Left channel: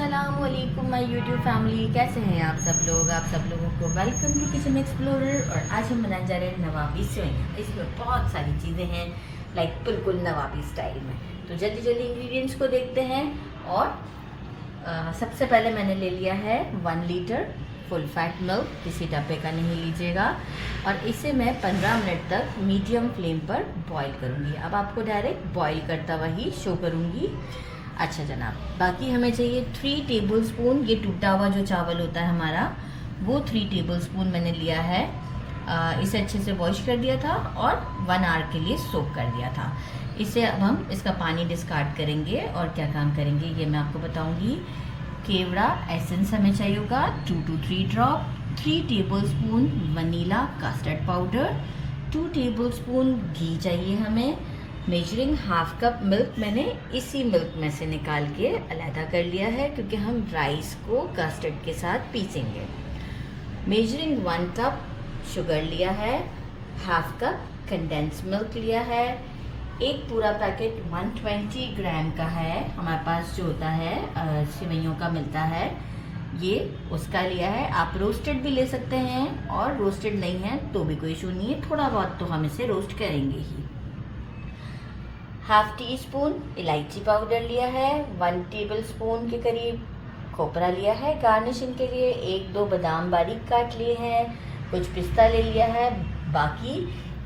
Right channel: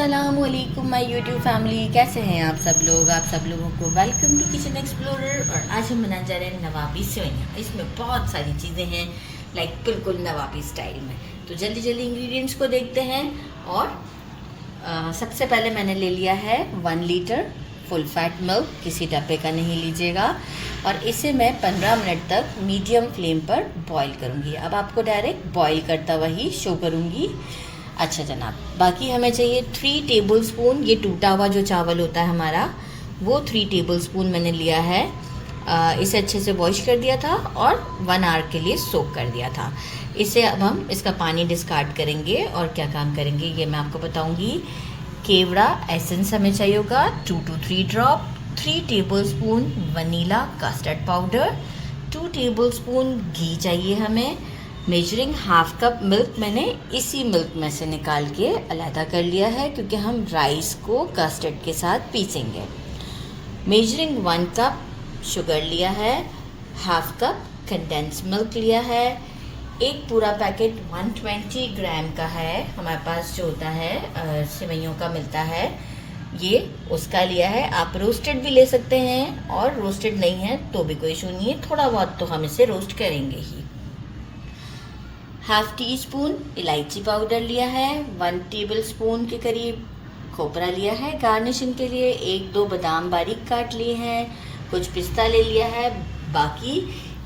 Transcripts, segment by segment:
अस्सलामुअलैकुम my YouTube family, कैसे हैं आप सब लोग। आप सब लोगों को वेलकम टू किचन एक्सप्लोरर। और आज हम बनाने जा रहे हैं नवाबी सेवइयाँ। इसमें बहुत सारी चीज़ें हैं, लाइक बिल्कुल नवाबी स्टाइल में। तो जल्दी जल्दी इंग्रेडिएंट्स को देखते हैं। और सबसे पहले मैंने ले लिया है 1 लीटर फुल फैट मिल्क। किसी डब्बे का नहीं लीजिएगा। और इसे मैं 15 मिनट तक मीडियम फ्लेम पर बॉईल करूँगी। अब आपको डायरेक्ट बॉईल करता हुआ ही शो करूँगी। अच्छा जनाब, बाकी हमें चाहिए 3 टेबलस्पून, ये टूटा हुआ जो चावल होता है हमारा, वो 3 टेबलस्पून मैंने लिया है। इसे अच्छे से वॉश कर दिया था और 1 आवर के लिए सोक कर दिया था। इसे अब हम इसका पानी डिस्कार्ड करेंगे और क्या काम करेंगे ये मैं आपको बताऊंगी। केवड़ा एसेंस हमें चाहिए होगा 2 to 3 drop, 3 tablespoon vanilla custard powder, 2 tablespoon घी चाहिए हमें। मेजरिंग हाफ कप मिल्क मैंने इसी मिल्क में से निकाल के अलहदा कर लिया है, क्योंकि हम राइस को कस्टर्ड के साथ पीसेंगे। मेजरिंग 1 कप शुगर लिया है, हाफ कप कंडेंस मिल्क लिया है, एक पूरा पैकेट 120 ग्राम का है हमारे पास, जो होता है सेवइयों का मिलता है, ये उसका लिया है। आप रोस्टेड भी ले सकते हैं, और रोस्टेड नहीं है तो भी कोई इशू नहीं है, थोड़ा बहुत तो हम इसे रोस्ट करेंगे ही। हाफ टी स्पून इलायची पाउडर लिया है, 1 टेबलस्पून के करीब खोपरा लिया है गार्निशिंग के लिए, 1-2 बादाम बारीक काट लिए हैं, कुछ पिस्ता ले लिया है। बाकी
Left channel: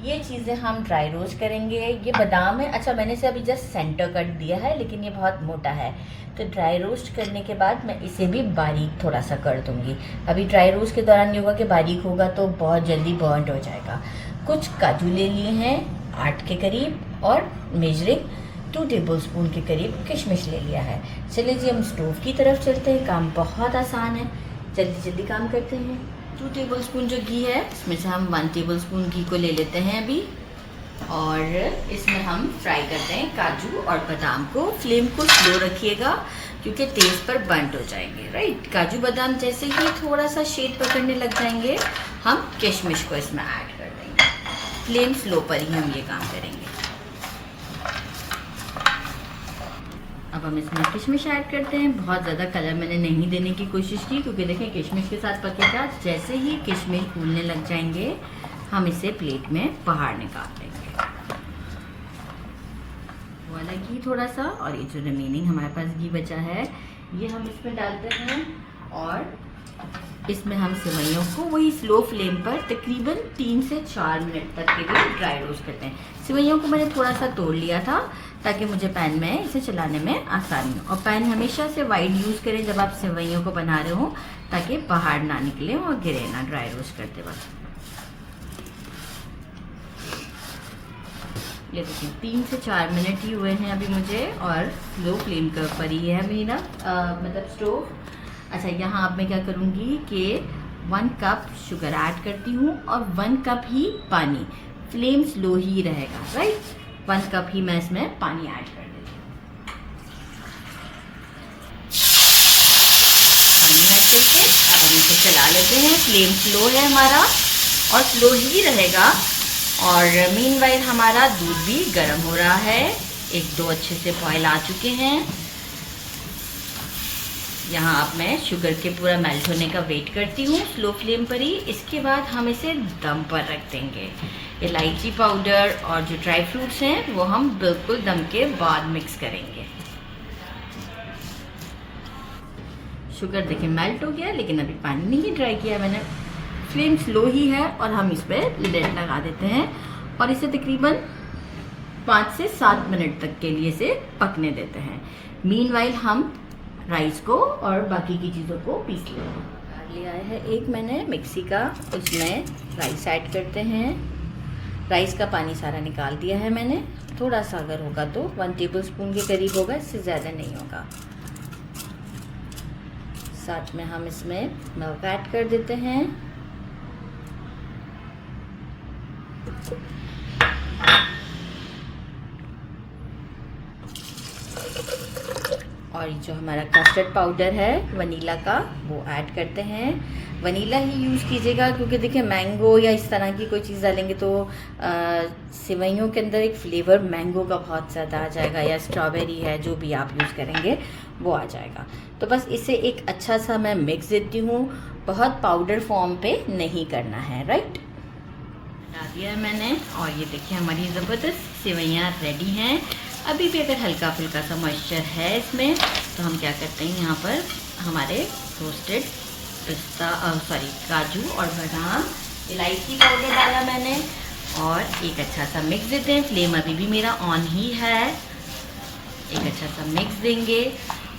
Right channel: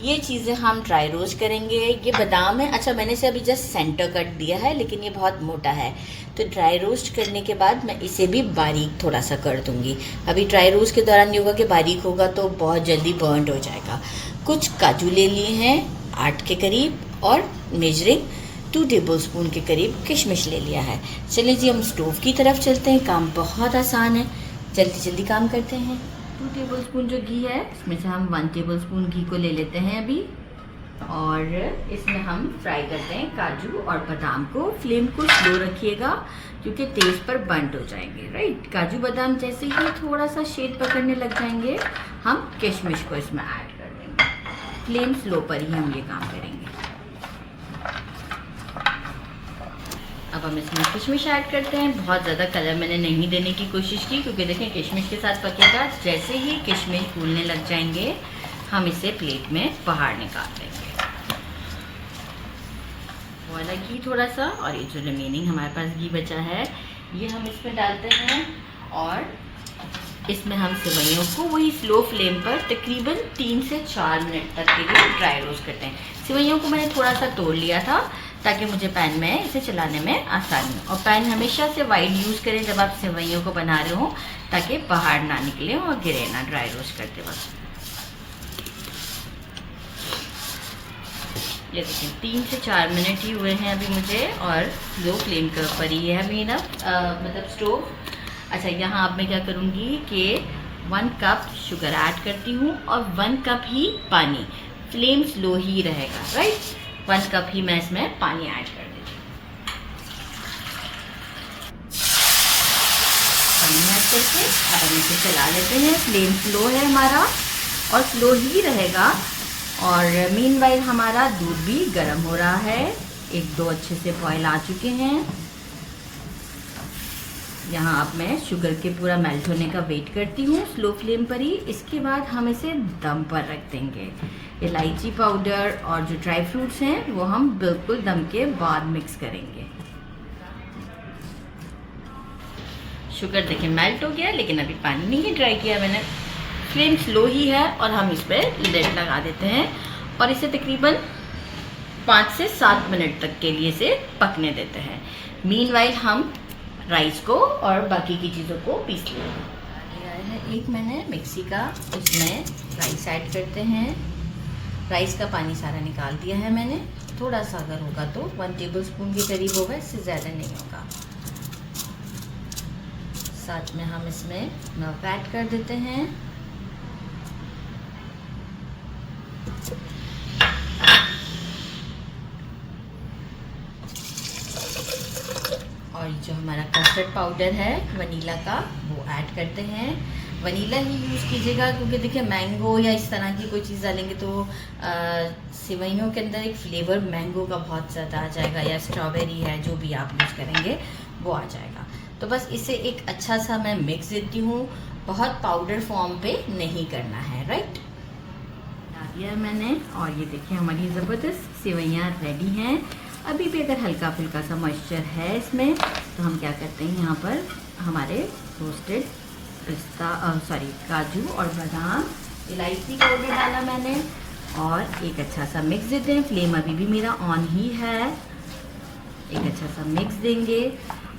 ये चीज़ें हम ड्राई रोस्ट करेंगे। ये बादाम है, अच्छा मैंने इसे अभी जस्ट सेंटर कट दिया है, लेकिन ये बहुत मोटा है, तो ड्राई रोस्ट करने के बाद मैं इसे भी बारीक थोड़ा सा कर दूंगी। अभी ड्राई रोस्ट के दौरान ये होगा कि बारीक होगा तो बहुत जल्दी बर्न्ड हो जाएगा। कुछ काजू ले लिए हैं 8 के करीब, और मेजरिंग 2 टेबलस्पून के करीब किशमिश ले लिया है। चलिए जी, हम स्टोव की तरफ चलते हैं। काम बहुत आसान है, जल्दी जल्दी काम करते हैं। 2 टेबलस्पून जो घी है, इसमें से हम 1 टेबलस्पून घी को ले लेते हैं अभी, और इसमें हम फ्राई करते हैं काजू और बादाम को। फ्लेम को स्लो रखिएगा, क्योंकि तेज़ पर बर्न्ड हो जाएंगे। राइट, काजू बादाम जैसे ही थोड़ा सा शेड पकड़ने लग जाएंगे, हम किशमिश को इसमें ऐड कर देंगे। फ्लेम स्लो पर ही हम ये काम करेंगे। अब हम इसमें किशमिश ऐड करते हैं। बहुत ज़्यादा कलर मैंने नहीं देने की कोशिश की, क्योंकि देखें किशमिश के साथ पकेगा। जैसे ही किशमिश फूलने लग जाएंगे, हम इसे प्लेट में बाहर निकाल देंगे। वाला घी थोड़ा सा, और ये जो रिमेनिंग हमारे पास घी बचा है, ये हम इसमें डालते हैं। और इसमें हम सेवइयों को वही स्लो फ्लेम पर तकरीबन 3 से 4 मिनट तक के लिए ड्राई रोस्ट करते हैं। सेवइयों को मैंने थोड़ा सा तोड़ लिया था, ताकि मुझे पैन में इसे चलाने में आसानी हो। और पैन हमेशा से वाइड यूज़ करें जब आप सेवइयों को बना रहे हो, ताकि बाहर ना निकले और गिरे ना ड्राई रोस्ट करते वक्त। ये देखिए 3 से 4 मिनट ही हुए हैं अभी मुझे, और लो फ्लेम के ऊपर ही है अभी ना मतलब स्टोव। अच्छा, यहाँ अब मैं क्या करूँगी कि 1 कप शुगर ऐड करती हूँ और 1 कप ही पानी। फ्लेम स्लो ही रहेगा। राइट, 1 कप ही मैं इसमें पानी ऐड कर देती हूँ। पानी ऐड करके अब हम इसे चला लेते हैं। फ्लेम स्लो है हमारा, और स्लो ही रहेगा। और मीनवाइल हमारा दूध भी गर्म हो रहा है। 1-2 अच्छे से बॉयल आ चुके हैं। यहाँ अब मैं शुगर के पूरा मेल्ट होने का वेट करती हूँ स्लो फ्लेम पर ही। इसके बाद हम इसे दम पर रख देंगे। इलायची पाउडर और जो ड्राई फ्रूट्स हैं वो हम बिल्कुल दम के बाद मिक्स करेंगे। शुगर देखिए मेल्ट हो गया, लेकिन अभी पानी नहीं ड्राई किया मैंने। फ्लेम स्लो ही है, और हम इस पर लिड लगा देते हैं और इसे तकरीबन 5 से 7 मिनट तक के लिए इसे पकने देते हैं। मीनवाइल हम राइस को और बाकी की चीज़ों को पीस लिया है एक मैंने मिक्सी का, उसमें राइस ऐड करते हैं। राइस का पानी सारा निकाल दिया है मैंने। थोड़ा सा अगर होगा तो 1 टेबलस्पून के करीब होगा, इससे ज़्यादा नहीं होगा। साथ में हम इसमें मिल्क ऐड कर देते हैं। और जो हमारा कस्टर्ड पाउडर है वनीला का वो ऐड करते हैं। वनीला ही यूज़ कीजिएगा क्योंकि देखिए मैंगो या इस तरह की कोई चीज़ डालेंगे तो सेवइयों के अंदर एक फ्लेवर मैंगो का बहुत ज़्यादा आ जाएगा, या स्ट्रॉबेरी है जो भी आप यूज़ करेंगे वो आ जाएगा। तो बस इसे एक अच्छा सा मैं मिक्स देती हूँ, बहुत पाउडर फॉर्म पे नहीं करना है, राइट। बना दिया है मैंने और ये देखिए हमारी ज़बरदस्त सेवइयाँ रेडी हैं। अभी भी अगर हल्का फुल्का सा मॉइस्चर है इसमें तो हम क्या करते हैं, यहाँ पर हमारे रोस्टेड पिस्ता काजू और बादाम, इलायची पाउडर डाला मैंने और एक अच्छा सा मिक्स देते हैं। फ्लेम अभी भी मेरा ऑन ही है। एक अच्छा सा मिक्स देंगे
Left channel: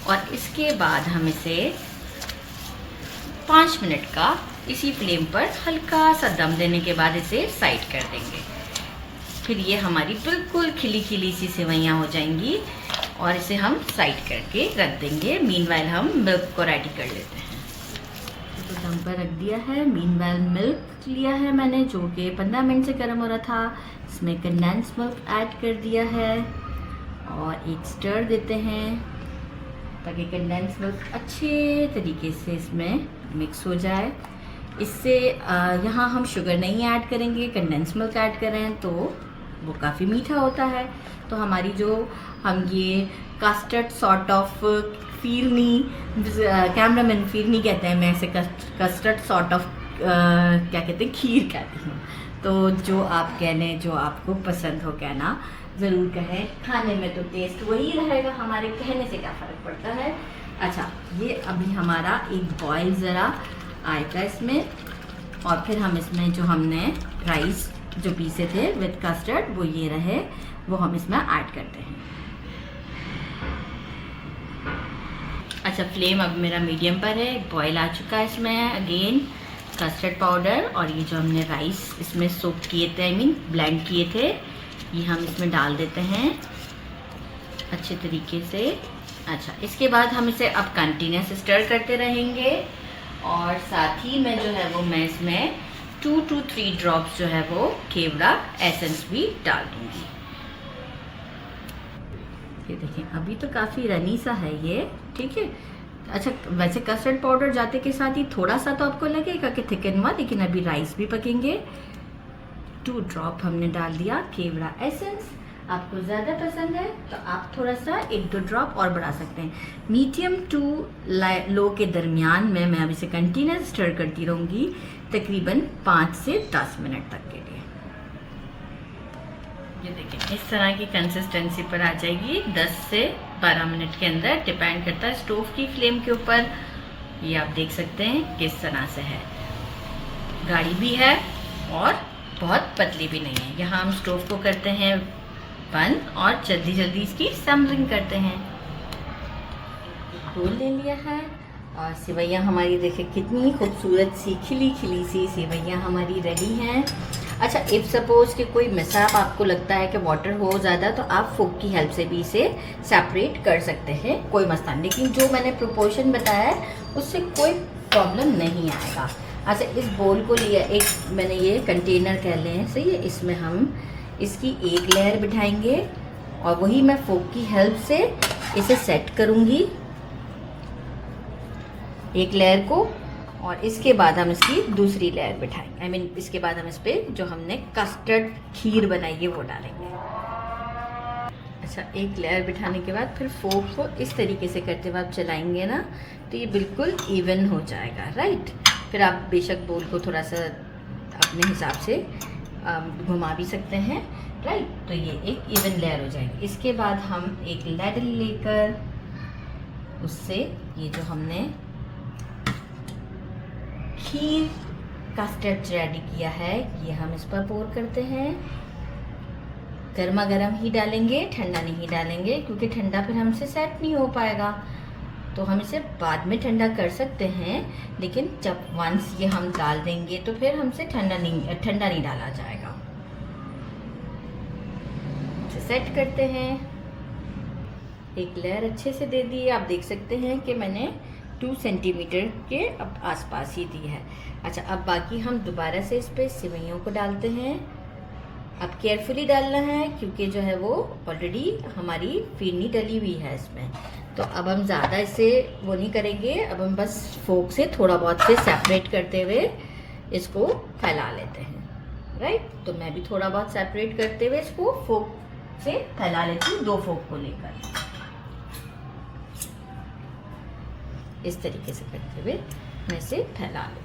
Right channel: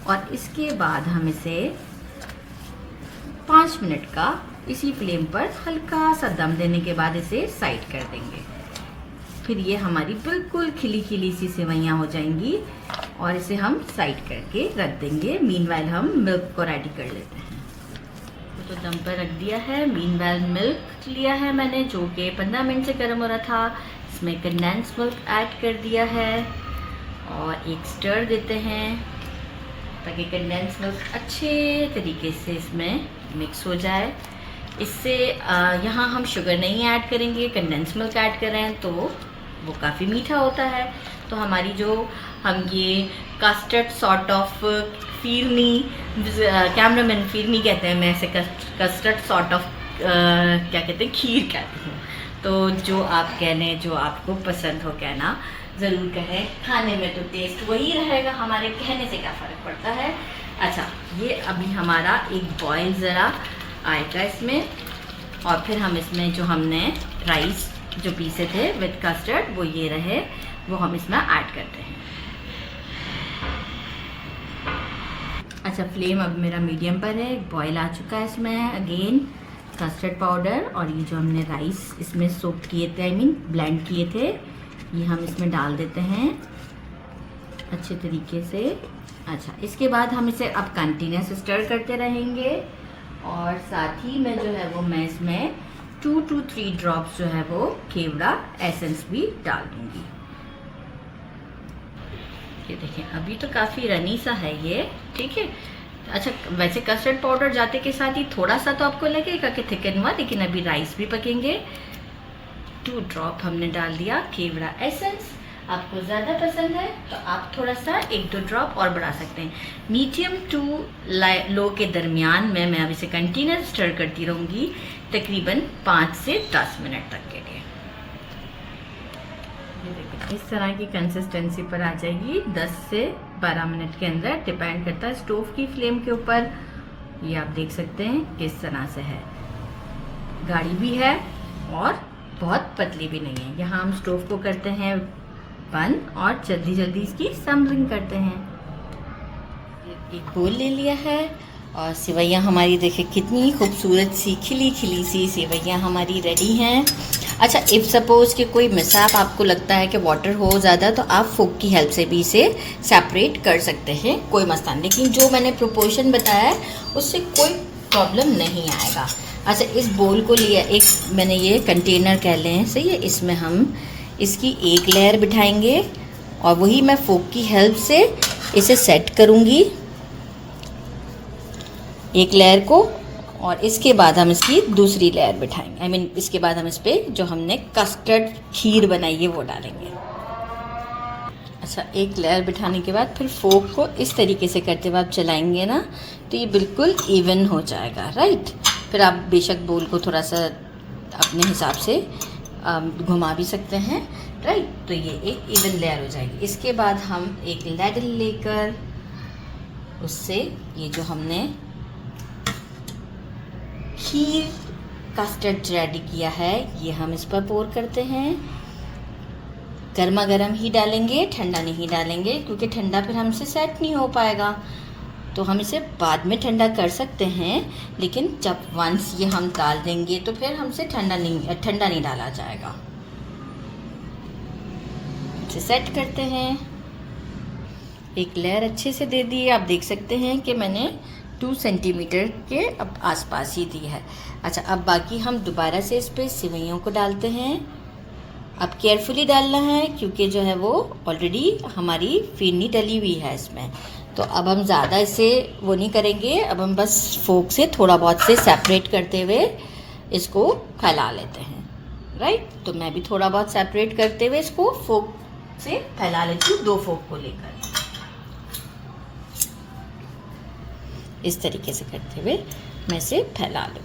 और इसके बाद हम इसे 5 मिनट का इसी फ्लेम पर हल्का सा दम देने के बाद इसे साइड कर देंगे। फिर ये हमारी बिल्कुल खिली खिली सी सेवइयाँ हो जाएंगी और इसे हम साइड करके रख देंगे। मीनवाइल हम मिल्क को रेडी कर लेते हैं। तो दम पर रख दिया है। मीनवाइल मिल्क लिया है मैंने जो कि 15 मिनट से गर्म हो रहा था। इसमें कंडेंस मिल्क ऐड कर दिया है और एक स्टर देते हैं ताकि कंडेंस मिल्क अच्छे तरीके से इसमें मिक्स हो जाए। इससे यहाँ हम शुगर नहीं ऐड करेंगे, कंडेंस मिल्क ऐड कर रहे हैं तो वो काफ़ी मीठा होता है। तो हमारी जो हम ये custard sort of phirni, cameraman phirni कहते हैं, मैं इसे कस्टर्ड सॉर्ट ऑफ क्या कहते हैं, खीर कहती हूँ। तो जो आप कह लें, जो आपको पसंद हो कहना ज़रूर कहें। खाने में तो टेस्ट वही रहेगा, हमारे कहने से क्या फ़र्क पड़ता है। अच्छा, ये अभी हमारा एक बॉयल ज़रा आएगा इसमें और फिर हम इसमें जो हमने राइस जो पीसे थे विद कस्टर्ड वो ये रहे, वो हम इसमें ऐड करते हैं। अच्छा, फ्लेम अब मेरा मीडियम पर है। बॉयल आ चुका है इसमें अगेन कस्टर्ड पाउडर और ये जो हमने राइस इसमें सोक किए थे, आई मीन ब्लेंड किए थे, ये हम इसमें डाल देते हैं अच्छे तरीके से। अच्छा, इसके बाद हम इसे अब कंटिन्यूस स्टर करते रहेंगे और साथ ही में जो है वो मैं इसमें 2 to 3 ड्रॉप्स जो है वो केवड़ा एसेंस भी डाल दूंगी। ये देखें अभी तो काफ़ी रनी सा है ये, ठीक है। अच्छा, वैसे कस्टर्ड पाउडर जाते के साथ ही थोड़ा सा तो आपको लगेगा कि थिकन हुआ, लेकिन अभी राइस भी पकेंगे। 2 ड्रॉप हमने डाल दिया केवड़ा एसेंस। आपको ज़्यादा पसंद है तो आप थोड़ा सा 1-2 ड्रॉप और बढ़ा सकते हैं। मीडियम टू लो के दरमियान में मैं अब इसे कंटिन्यूस स्टर करती रहूँगी तकरीबन 5 से 10 मिनट तक के लिए। ये देखिए इस तरह की कंसिस्टेंसी पर आ जाएगी 10 से 12 मिनट के अंदर, डिपेंड करता है स्टोव की फ्लेम के ऊपर। ये आप देख सकते हैं किस तरह से है, गाढ़ी भी है और बहुत पतली भी नहीं है। यहाँ हम स्टोव को करते हैं बंद और जल्दी जल्दी इसकी सैम्पलिंग करते हैं। एक बोल ले लिया है और सेवइयाँ हमारी देखिए कितनी खूबसूरत सी खिली खिली सी सेवइयाँ हमारी रेडी हैं। अच्छा, इफ़ सपोज़ कि कोई मिसाप आपको लगता है कि वाटर हो ज़्यादा तो आप फोक की हेल्प से भी इसे सेपरेट कर सकते हैं, कोई मसला नहीं। लेकिन जो मैंने प्रोपोर्शन बताया है उससे कोई प्रॉब्लम नहीं आएगा। अच्छा, इस बोल को लिया, एक मैंने ये कंटेनर कह लें सही है, इसमें हम इसकी एक लेयर बिठाएंगे और वही मैं फोक की हेल्प से इसे सेट करूँगी एक लेयर को, और इसके बाद हम इसकी दूसरी लेयर बिठाएंगे। आई मीन इसके बाद हम इस पर जो हमने कस्टर्ड खीर बनाई है वो डालेंगे। अच्छा, एक लेयर बिठाने के बाद फिर फोक को इस तरीके से करते हुए आप चलाएंगे ना तो ये बिल्कुल इवन हो जाएगा, राइट। फिर आप बेशक बोल को थोड़ा सा अपने हिसाब से घुमा भी सकते हैं, राइट। तो ये एक इवन लेयर हो जाएगी। इसके बाद हम एक लैडल लेकर उससे ये जो हमने खीर कस्टर्ड रेडी किया है ये हम इस पर पोर करते हैं। गर्मा गर्म ही डालेंगे, ठंडा नहीं डालेंगे क्योंकि ठंडा फिर हमसे सेट नहीं हो पाएगा। तो हम इसे बाद में ठंडा कर सकते हैं, लेकिन जब वंस ये हम डाल देंगे तो फिर हमसे ठंडा नहीं डाला जाएगा। इसे सेट करते हैं। एक लेयर अच्छे से दे दी। आप देख सकते हैं कि मैंने 2 सेंटीमीटर के अब आसपास ही दी है। अच्छा, अब बाकी हम दोबारा से इस पर सेवइयों को डालते हैं। अब केयरफुली डालना है क्योंकि जो है वो ऑलरेडी हमारी फिरनी डली हुई है इसमें, तो अब हम ज़्यादा इसे वो नहीं करेंगे, अब हम बस फोक से थोड़ा बहुत से सेपरेट करते हुए इसको फैला लेते हैं, राइट। तो मैं भी थोड़ा बहुत सेपरेट करते हुए इसको फोक से फैला लेती हूँ, 2 फोक को लेकर। इस तरीके से करते हुए मैं इसे फैला लूँगी।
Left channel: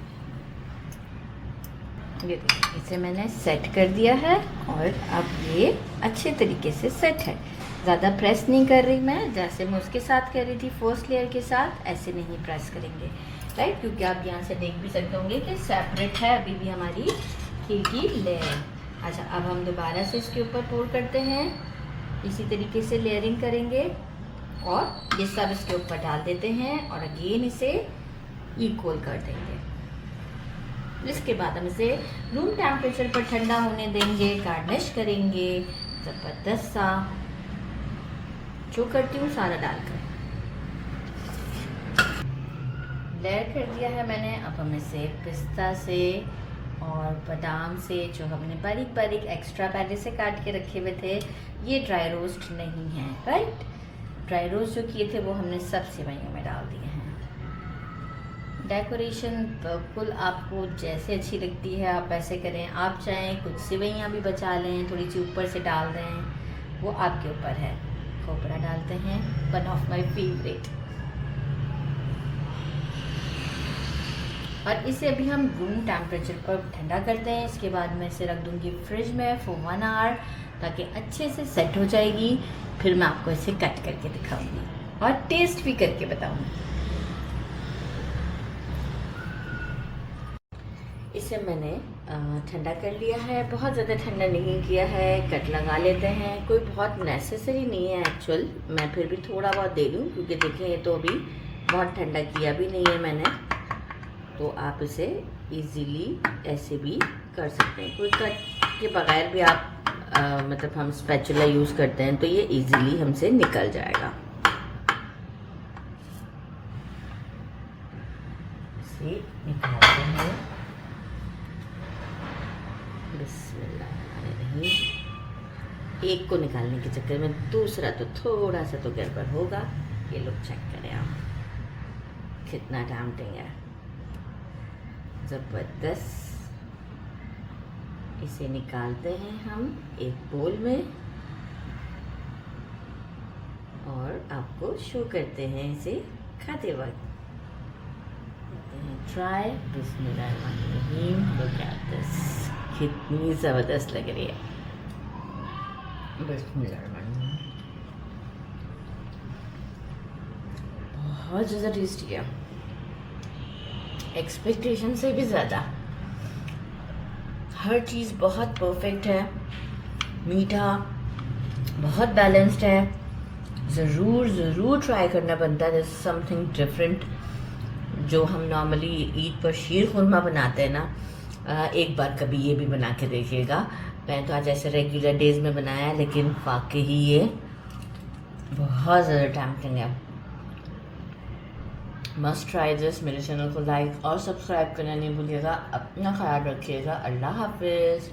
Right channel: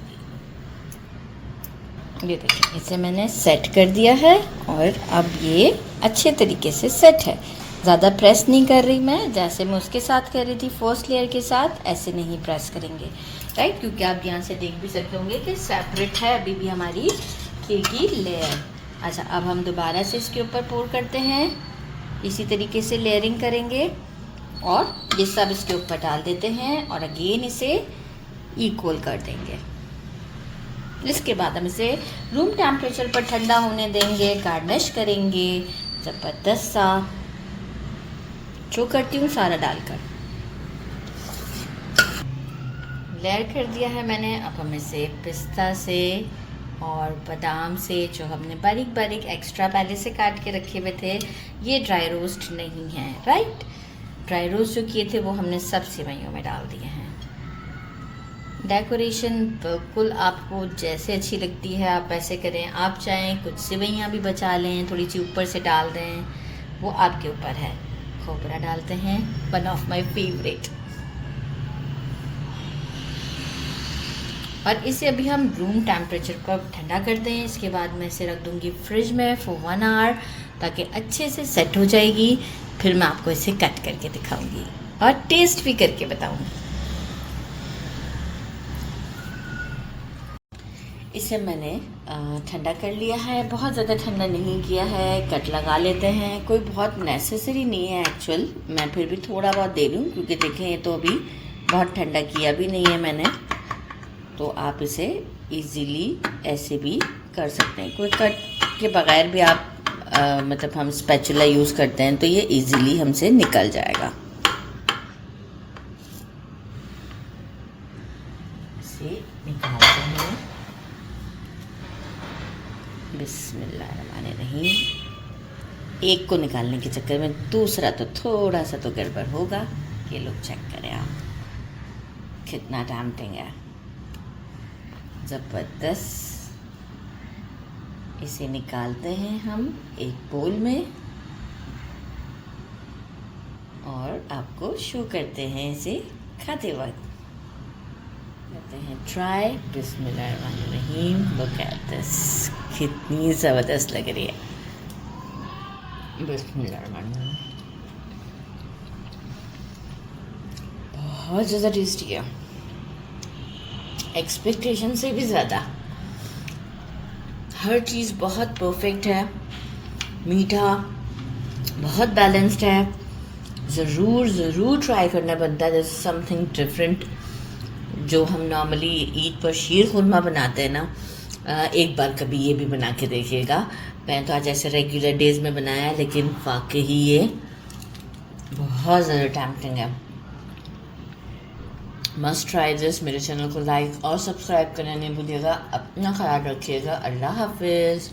ये देखिए, इसे मैंने सेट कर दिया है और अब ये अच्छे तरीके से सेट है। ज़्यादा प्रेस नहीं कर रही मैं, जैसे मैं उसके साथ कर रही थी फर्स्ट लेयर के साथ, ऐसे नहीं प्रेस करेंगे, राइट। क्योंकि आप यहाँ से देख भी सकते होंगे कि सेपरेट है अभी भी हमारी खीर की लेयर। अच्छा, अब हम दोबारा से इसके ऊपर पोर करते हैं, इसी तरीके से लेयरिंग करेंगे और ये सब इसके ऊपर डाल देते हैं और अगेन इसे इक्वल कर देंगे। इसके बाद हम इसे रूम टेम्परेचर पर ठंडा होने देंगे, गार्निश करेंगे ज़बरदस्त सा, जो करती हूँ सारा डालकर। लेयर कर दिया है मैंने। अब हम इसे पिस्ता से और बादाम से, जो हमने बारीक बारीक एक्स्ट्रा पहले से काट के रखे हुए थे, ये ड्राई रोस्ट नहीं है, राइट। ड्राई रोस्ट जो किए थे वो हमने सब सेवइयों में डाल दिए हैं। डेकोरेशन बिल्कुल आपको जैसे अच्छी लगती है आप वैसे करें। आप चाहें कुछ सेवइयाँ भी बचा लें, थोड़ी सी ऊपर से डाल दें, वो आपके ऊपर है। खोपरा डालते हैं, वन ऑफ माय फेवरेट। और इसे अभी हम रूम टेम्परेचर पर ठंडा करते हैं। इसके बाद मैं इसे रख दूंगी फ्रिज में फॉर 1 आवर, ताकि अच्छे से सेट हो जाएगी। फिर मैं आपको इसे कट करके दिखाऊंगी और टेस्ट भी करके बताऊंगी। इसे मैंने ठंडा कर लिया है, बहुत ज़्यादा ठंडा नहीं किया है। कट लगा लेते हैं, कोई बहुत नेसेसरी नहीं है एक्चुअल, मैं फिर भी थोड़ा बहुत दे लूँ क्योंकि देखें ये तो अभी बहुत ठंडा किया भी नहीं है मैंने। तो आप इसे इजीली ऐसे भी कर सकते हैं, कोई कट के बगैर भी आप मतलब हम स्पैचुला यूज़ करते हैं तो ये इजीली हमसे निकल जाएगा। इसे निकालते हैं, बिस्मिल्लाहिर्रहमानिर्रहीम। एक को निकालने के चक्कर में दूसरा तो थोड़ा सा तो गड़बड़ होगा। ये लोग चेक करें आप, कितना टेम्पटिंग है, ज़बरदस्त। इसे निकालते हैं हम एक बोल में और आपको शो करते हैं इसे खाते वक्त। करते हैं ट्राई, बिस्मिल्लाहिर्रहमानिर्रहीम। लुक एट दिस, कितनी ज़बरदस्त लग रही है। बिस्मिल्लाहिर्रहमानिर्रहीम, बहुत ज़्यादा टेस्टी है, एक्सपेक्टेशन से भी ज़्यादा। हर चीज़ बहुत परफेक्ट है, मीठा बहुत बैलेंस्ड है। ज़रूर ट्राई करना बनता है। जैसे समथिंग डिफरेंट जो हम नॉर्मली ईद पर शीर खुरमा बनाते हैं ना, एक बार कभी ये भी बना के देखिएगा। मैं तो आज ऐसे रेगुलर डेज में बनाया है, लेकिन वाकई ये बहुत ज़्यादा टेम्पटिंग है। Must try this. मेरे चैनल को लाइक और सब्सक्राइब करना नहीं भूलिएगा। अपना ख्याल रखिएगा। अल्लाह हाफिज़।